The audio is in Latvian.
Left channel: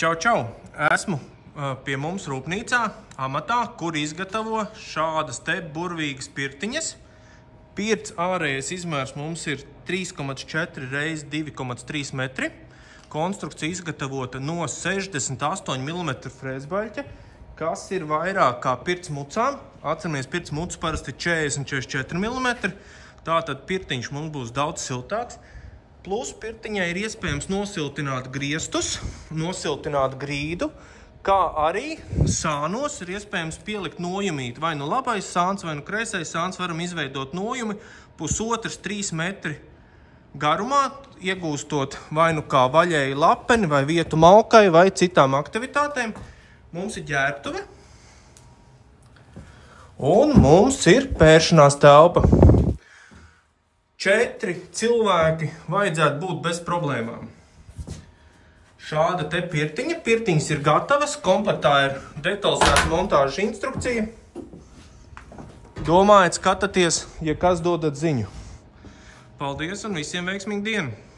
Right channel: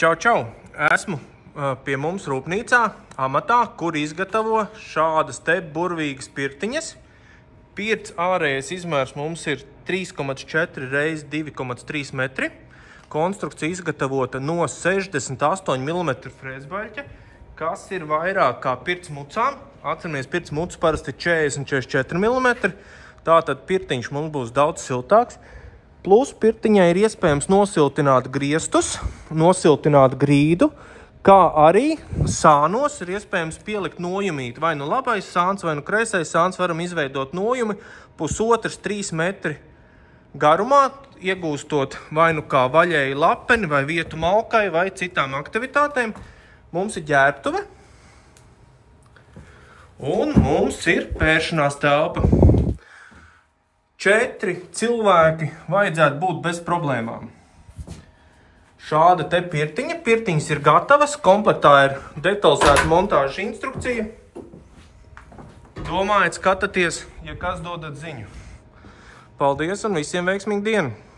Čau, čau! Esmu pie mums rūpnīcā, amatā, kur izgatavo šādas te burvīgas pirtiņas. Pirts ārējais izmērs mums ir 3,4 x 2,3 metri. Konstrukcija izgatavota no 68 mm frēzbaļķa, kas ir vairāk kā pirts mucām. Atceramies, pirts mucas parasti 40-44 mm. Tātad pirtiņš mums būs daudz siltāks. Plus pirtiņai ir iespējams nosiltināt griestus, nosiltināt grīdu, kā arī sānos ir iespējams pielikt nojumīt. Vai nu labais sāns, vai nu kreisais sāns, varam izveidot nojumi 1,5–3 metri garumā, iegūstot vai nu kā vaļēju lapeni, vai vietu malkai, vai citām aktivitātēm. Mums ir ģērbtuve. Un mums ir pēršanās telpa. 4 cilvēki vajadzētu būt bez problēmām. Šāda te pirtiņa. Pirtiņas ir gatavas. Komplektā ir detalizēta montāžas instrukcija. Domājiet, skatāties, ja kas dodat ziņu. Paldies un visiem veiksmīgu dienu!